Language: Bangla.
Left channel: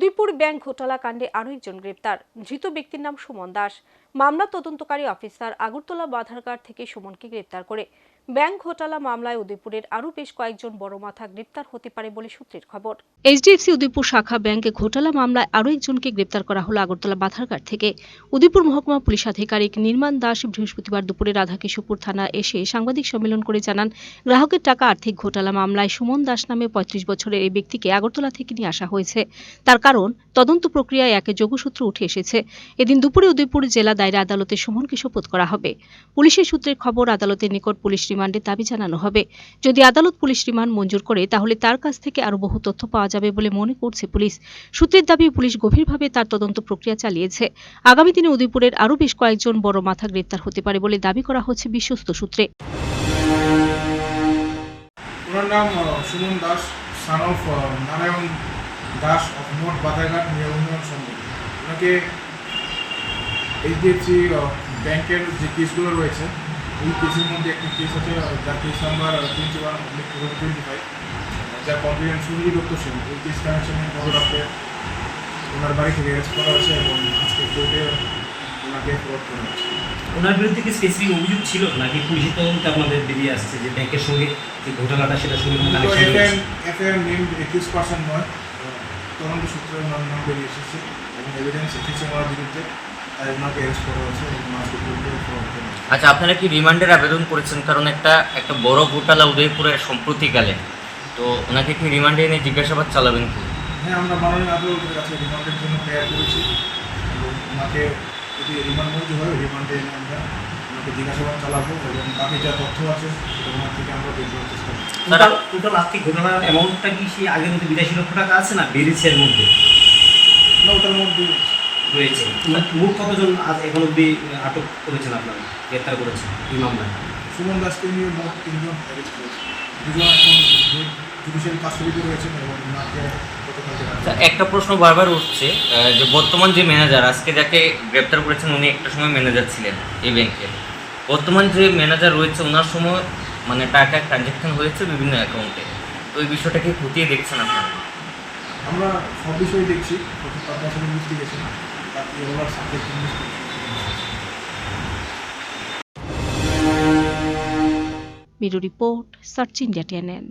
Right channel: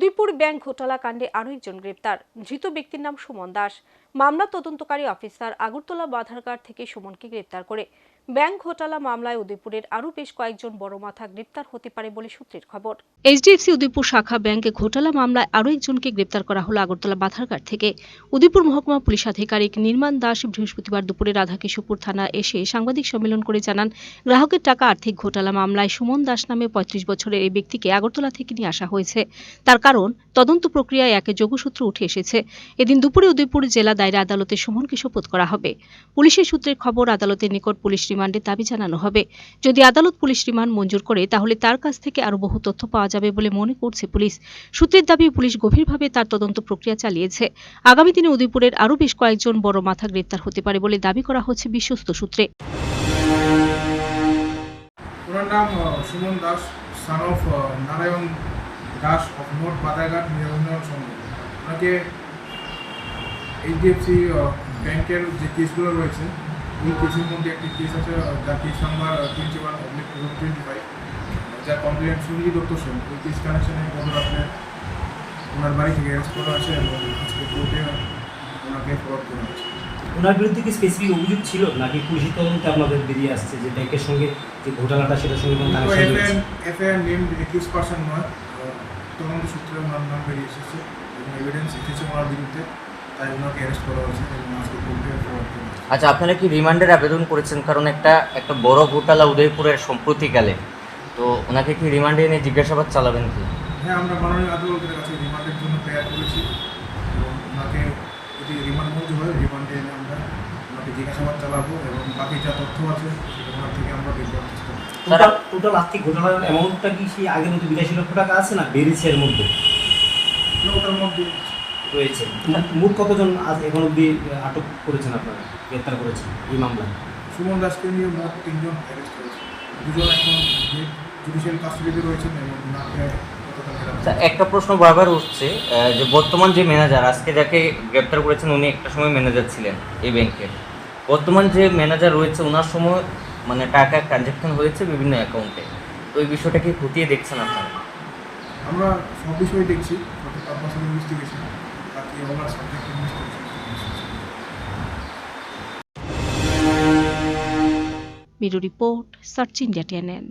উদয়পুর ব্যাংক ঘোটালা কাণ্ডে আরও একজন গ্রেপ্তার। ধৃত ব্যক্তির নাম সুমন দাস। মামলা তদন্তকারী অফিসার আগরতলা বাধারঘাট থেকে সুমনকে গ্রেপ্তার করে। ব্যাংক ঘোটালা মামলায় উদয়পুরের আরও বেশ কয়েকজন বড় মাথা গ্রেপ্তার হতে পারে বলে সূত্রের খবর। এইচডিএফসি উদয়পুর শাখা ব্যাংকে ঘোটালা মামলায় আরও একজনকে গ্রেপ্তার করা হলো আগরতলা বাধারঘাট থেকে। উদয়পুর মহকুমা পুলিশ আধিকারিক নির্মাণ দাস বৃহস্পতিবার দুপুরে রাধাকিশোরপুর থানা এসে সাংবাদিক সম্মেলন করে জানান, গ্রাহকের টাকা আর্থিক ঘোটালা মামলায় সুমন দাস নামে পঁয়ত্রিশ বছরের এই ব্যক্তিকে আগরতলা থেকে নিয়ে আসা হয়েছে। তার কারণ তদন্ত প্রক্রিয়ায় একে যোগসূত্র উঠে এসেছে। এদিন দুপুরে উদয়পুর জেলা দায়রা আদালতে সুমনকে শপথ করা হবে। পুলিশের সূত্রের খবর, আদালতের নিকট পুলিশ রিমান্ডের দাবি জানানো হবে। যদি আদালত পুলিশ রিমান্ড মঞ্জুর করে, তাহলে তার কাছ থেকে আরও বহু তথ্য পাওয়া যাবে বলে মনে করছে পুলিশ। সূত্রের দাবি, পুলিশ গভীরভাবে তার তদন্ত প্রক্রিয়া চালিয়েছে। আগামী দিনে উদয়পুরের আরও বেশ কয়েকজন বড় মাথা গ্রেপ্তার হতে পারে বলে দাবি করা হচ্ছে বিশ্বস্ত সূত্রে। ওনার নাম সুমন দাস সান অফ নারায়ণ দাস অফ নোট বাদাঘাট নিয়ে উন্নয়ন ওনাকে এইচডিএফসি ব্যাংকের যে কেসগুলো রয়েছে ওই কেসের মধ্যে একটি কেস আছে আহ, যার case number twenty one oblique twenty five যার কমপ্লেন সুনীল দত্ত সেন। ওই কেস কানেকশনে গতরাত্রে ওনার বাড়ি থেকে অ্যারেস্ট করা হয়েছে এবং আজকে কোর্টে ওনাকে ফরওয়ার্ড করা হয়েছে। ওনার বিরুদ্ধে কি স্পেসিফিক অভিযোগ ছিল? নাকি পুলিশের তদন্তে আপনাদের বেরিয়ে আসছে যে ব্যাংকের সঙ্গে যে ঘটনাটা সেটা সঙ্গে এফআইআর এফআইআর নেম একুশ পার্সেন্ট নয় তদন্ত সূত্রে ওনার নাম বেরিয়ে এসেছে এবং এভিডেন্স এসেছে ওনার বিরুদ্ধে। তাই ওনাকে অ্যারেস্ট করা হয়েছে হয়েছে আচ্ছা আপনারা কি রিমান্ডের আবেদন করেছেন? কারণ একটা একটা বড় ঘোটালা উদয়পুরের সম্প্রতিকালে। তো ওনাকে কি রিমান্ডে এনে জিজ্ঞাসাবাদ চালাবেন কি? হ্যাঁ আমরা মাননীয় আদালতের কাছে রিমান্ডের জন্য প্রেয়ার করেছি এবং ওনাকে যদি রিমান্ড মঞ্জুর হয় রিমান্ডে এনে আমরা ওনাকে জিজ্ঞাসাবাদ চালাবো এবং বাকি যা তথ্য আছে সেটা ওনার থেকে আমরা বের করার চেষ্টা করব। টোটাল টোটাল আর্থিক ঘটনার অ্যামাউন্টটা কি সেই আগের মধ্যে বিরাশি লক্ষ টাকা আছে না বেড়েছে এর মধ্যে? না ওটার মধ্যে রয়েছে। মোট কতজন আজ এখন অব্দি আটক করেছেন আপনারা? গ্রেপ্তার করেছেন? এই মামলায়? সুমন দাসকে নিয়ে মোট তিনজন অ্যারেস্ট দুজন এখন জুডিশিয়াল কাস্টডিতে রয়েছেন এবং ওনাকে গতকালকে রাখা আচ্ছা, একটা প্রশ্ন বারবার উঠছে যে বর্তমান যে ম্যানেজার আজকে যাকে গ্রেপ্তার করেছেন উনি একটা সময় ম্যানেজার ছিলেন এই ব্যাংকের বর্তমান যে ম্যানেজার রয়েছে ওনার সময় মানে টাকা ট্রানজ্যাকশন হয়েছে বিভিন্ন অ্যাকাউন্টে তো এই বিষয়টা কি খতিয়ে দেখছেন আপনারা? আমরা সব বিষয় দেখছি প্রতি পারপাস ইনভেস্টিগেশন বাকি ওনার in investigation bureau report search India TNN.